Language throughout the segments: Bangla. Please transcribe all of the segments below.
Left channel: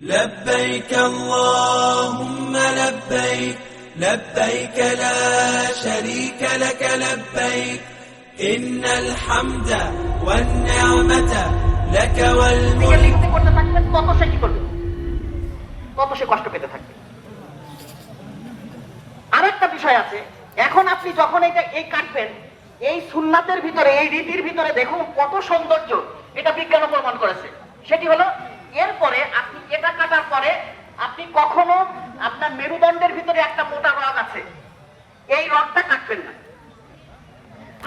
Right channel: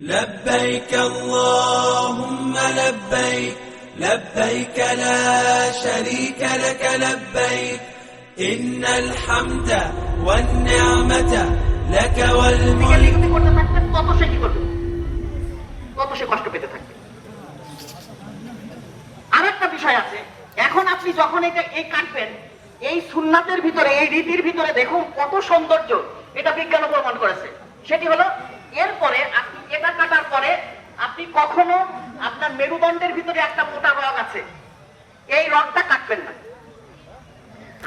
لبيك اللهم لبيك لبيك لا شريك لك لبيك إن الحمد والنعمة لك والملك লিখতে করতে থাকবেন তত সে কি করবে, তত সে কষ্ট পেতে থাকবে। আরেকটা বিষয় আছে, এখন আপনি যখন এই কাটবেন, এই সুন্নাতের ভিতরে, এই রীতির ভিতরে দেখুন কত সৌন্দর্য, এটা বিজ্ঞান প্রমাণ করেছে। সেটি হলো, এরপরে আপনি এটা কাটার পরে আপনি কখনো আপনার মেরুদণ্ডের ভিতরে একটা মোটা রড আছে, এই রডটা কাটবেন না।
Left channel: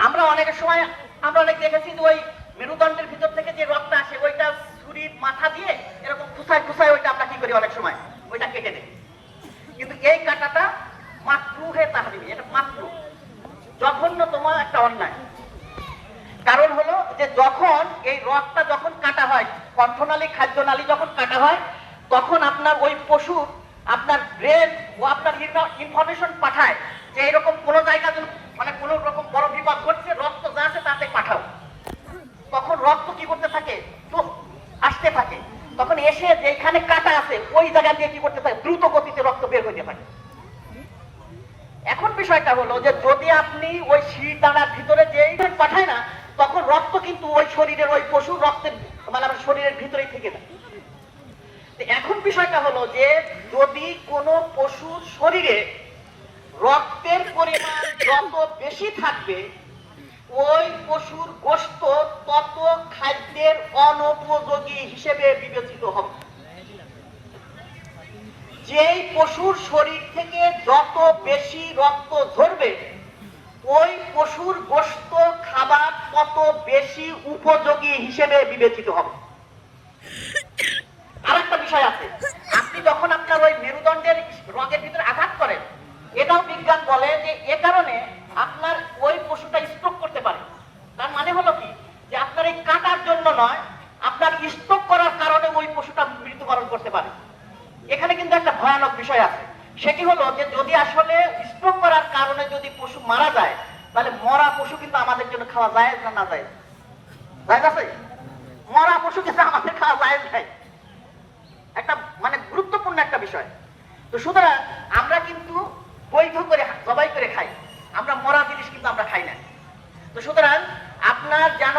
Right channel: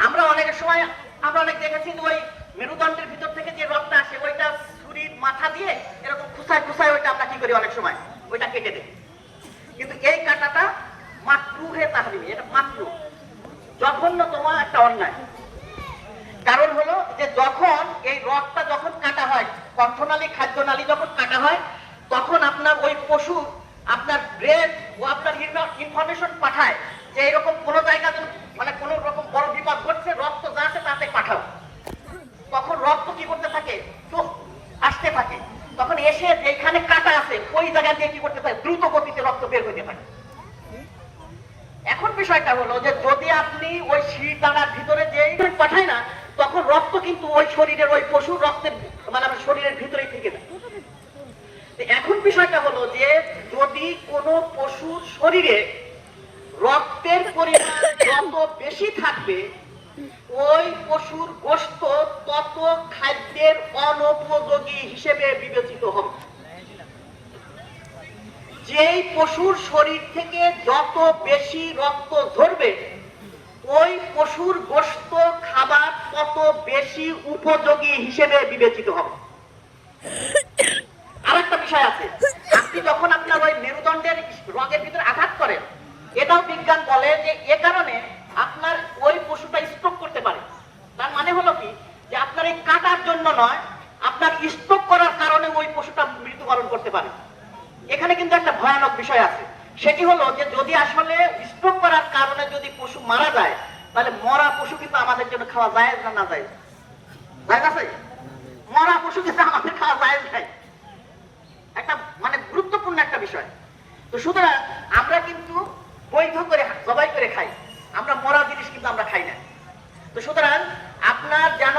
আমরা অনেক সময় দেখেছি যে ওই মেরুদণ্ডের ভিতর থেকে যে রডটা আসে, ওইটা ছুরির মাথা দিয়ে এরকম খুসায় খুসায় ওইটা আমরা কি করি, অনেক সময় ওইটা কেটে দিই। কিন্তু এই কাটাটা মাকরুহে তাহরিম, এটা মাকরুহ, জঘন্যতম একটা অন্যায়। কারণ হলো যে যখন এই রডটা যখন কাটা হয়, কণ্ঠনালী খাদ্যনালী যখন কাটা হয়, তখন আপনার ওই পশু আপনার ব্রেন ও আপনার ইনফরমেশন পাঠায় যে এরকম কোনো জায়গা মানে কোনো রকম বড় বিপদ ঘটছে, রক্ত যা আছে তাতে পাঠাও। তখন রক্ত কি করতে থাকে, চোখ আসতে থাকে, তখন এসে যেখানে কাটা আছে ওই জায়গা দিয়ে কি করতে থাকে, দ্রুত গতিতে রক্ত বের হইতে থাকে। এখন বিষয়টা হলো যে যদি আপনি ওই শিরদাঁড়ার ভিতরে যে পাঠায় না, তখন রক্ত কিন্তু ওই শরীরের ওই পশুর রক্তের মানে আমার শরীরের ভিতরেই থেকে যায়। এখন বিষয়টা হলো যে যদি কোনো পশুর শরীরে রক্তের পরিমাণ যত বেশি থাকবে, ওই পশুর গোশত তত খাদ্যের অনুপযোগী হিসেবে বিবেচিত হবে। যেই পশুর শরীর থেকে যত বেশি রক্ত ঝরবে, ওই পশুর গোশত খাবার তত বেশি উপযোগী হিসেবে বিবেচিত হবে। আরেকটা বিষয় আছে, আপনি যখন আপনার ওই মেরুদণ্ডের রগের ভিতরে আঘাত করেন, এটাও বিজ্ঞান বলে যে এ কারণে আপনার ওই পশুটা স্ট্রোক করতে পারে। তার মানে হলো কি, যে আপনার এই কাটার জন্য নয়, আপনার স্ট্রোক করার কারণে ওই পশুটা মৃত্যুবরণ করতে পারে। এখানে কিন্তু একটা ভয়ানক বিষয় আছে, সেটি হলো যে যদি আসলে স্ট্রোক করার কারণে যদি পশু মারা যায়, তাহলে মরা পশু কিন্তু আমাদের জন্য খাওয়া যায় না, না যায়? মরা পশু কিন্তু আমাদের খাওয়া যায় না, একটা মানে গুরুত্বপূর্ণ একটা বিষয়। তো সুতরাং আমরা কিন্তু বৈধ করে জবাই করে খাই, আমরা মরা জিনিস কিন্তু আমরা খাই না। তো সুতরাং আপনার যেন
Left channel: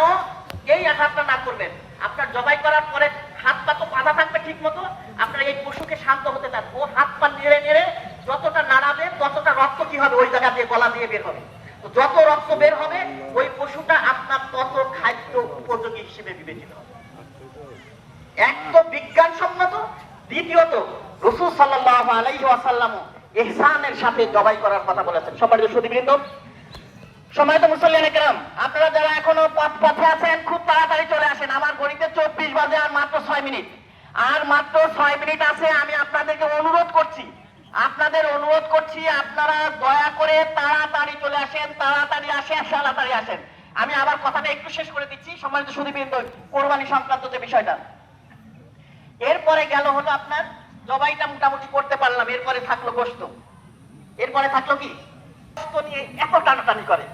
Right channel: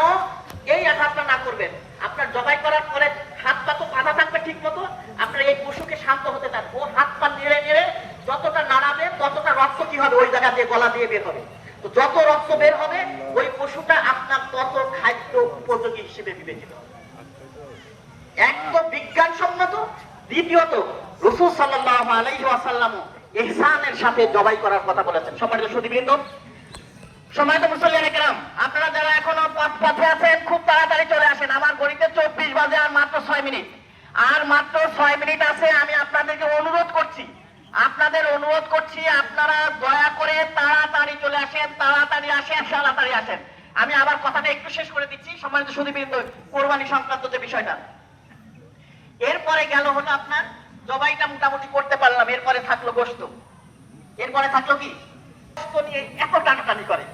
এই আঘাতটা না করবেন, আপনার জবাই করার পরে হাত পা তো বাঁধা থাকবে ঠিক মতো, আপনার এই পশুকে শান্ত হতে দেন, ও হাত পা নেড়ে নেড়ে যতটা নাড়াবেন ততটা রক্ত কি হবে, ওই জায়গা দিয়ে গলা দিয়ে বের হবে। তো যত রক্ত বের হবে, ওই পশুটা আপনার তত খাদ্য উপযোগী হিসেবে বিবেচিত হবে। এক তো বিজ্ঞানসম্মত, দ্বিতীয়ত রাসূল সাল্লাল্লাহু আলাইহি ওয়াসাল্লাম ইহসানের সাথে জবাই করার কথা বলেছেন। সম্মানিত সুধীবৃন্দ, সম্মানিত মুসল্লিয়ানে কেরাম, আপনারা যারা এখনো পথে আছেন, খুব তাড়াতাড়ি চলে আসেন। আমার ঘড়িতে 24 বাজে, আর মাত্র 6 মিনিট, আর মাত্র 6 মিনিট আছে। আমি আপনাদেরকে অনুরোধ করছি, আপনারা দয়া করে তাড়াতাড়ি চলে আসেন, তাড়াতাড়ি আসেন। আমি আবার কথাটা একটু শেষ করে দিচ্ছি। সম্মানিত সুধীবৃন্দ, কোরবানি সংক্রান্ত যে বিষয়টা, এরপরে গেল হলো আপনার জবাইটা মোটামুটি করতে পারলাম, এরপরে থাকলো গোশত। এরপরে থাকলো কি, গোশত নিয়ে এত টানাটানি করে,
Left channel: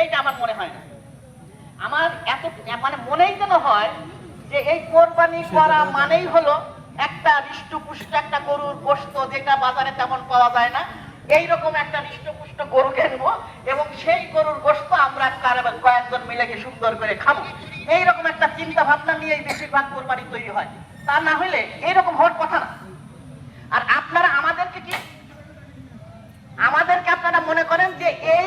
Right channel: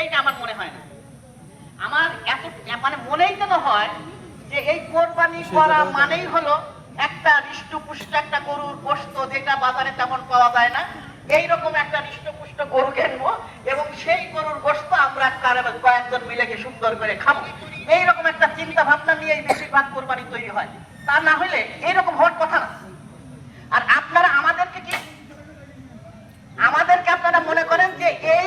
এইটা আমার মনে হয় না। আমার এত মানে মনেই যেন হয় যে এই কোরবানি করা মানেই হলো একটা হৃষ্টপুষ্ট একটা গরুর গোশত, যেটা বাজারে তেমন পাওয়া যায় না, এইরকম একটা হৃষ্টপুষ্ট গরু কিনবো এবং সেই গরুর গোশত আমরা কয়েকজন মিলে গিয়ে সুন্দর করে খাবো। এইরকম একটা চিন্তা ভাবনা নিয়ে বেশিরভাগ কোরবানি তৈরি হয়। তা না হলে এইরকম হওয়ার কথা না। আর আপনারা আমাদেরকে আপনারা মনে করেন যে এই